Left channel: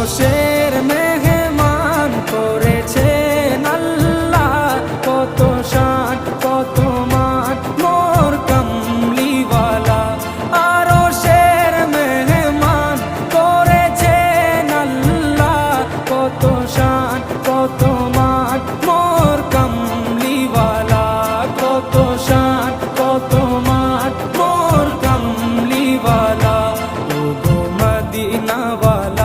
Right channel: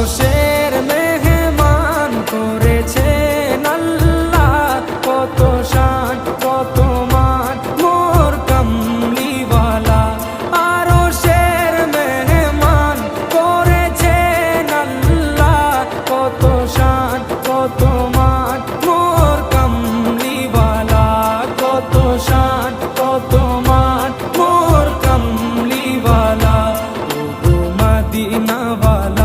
আরশের মেহমান করেছেন আল্লাহ, কত শান কত মান মোর কামলিওয়ালা। আরশের মেহমান করেছেন আল্লাহ, কত শান কত মান মোর কামলিওয়ালা, কত শান কত মান মোর কামলিওয়ালা। ও গো মদিনাওয়ালা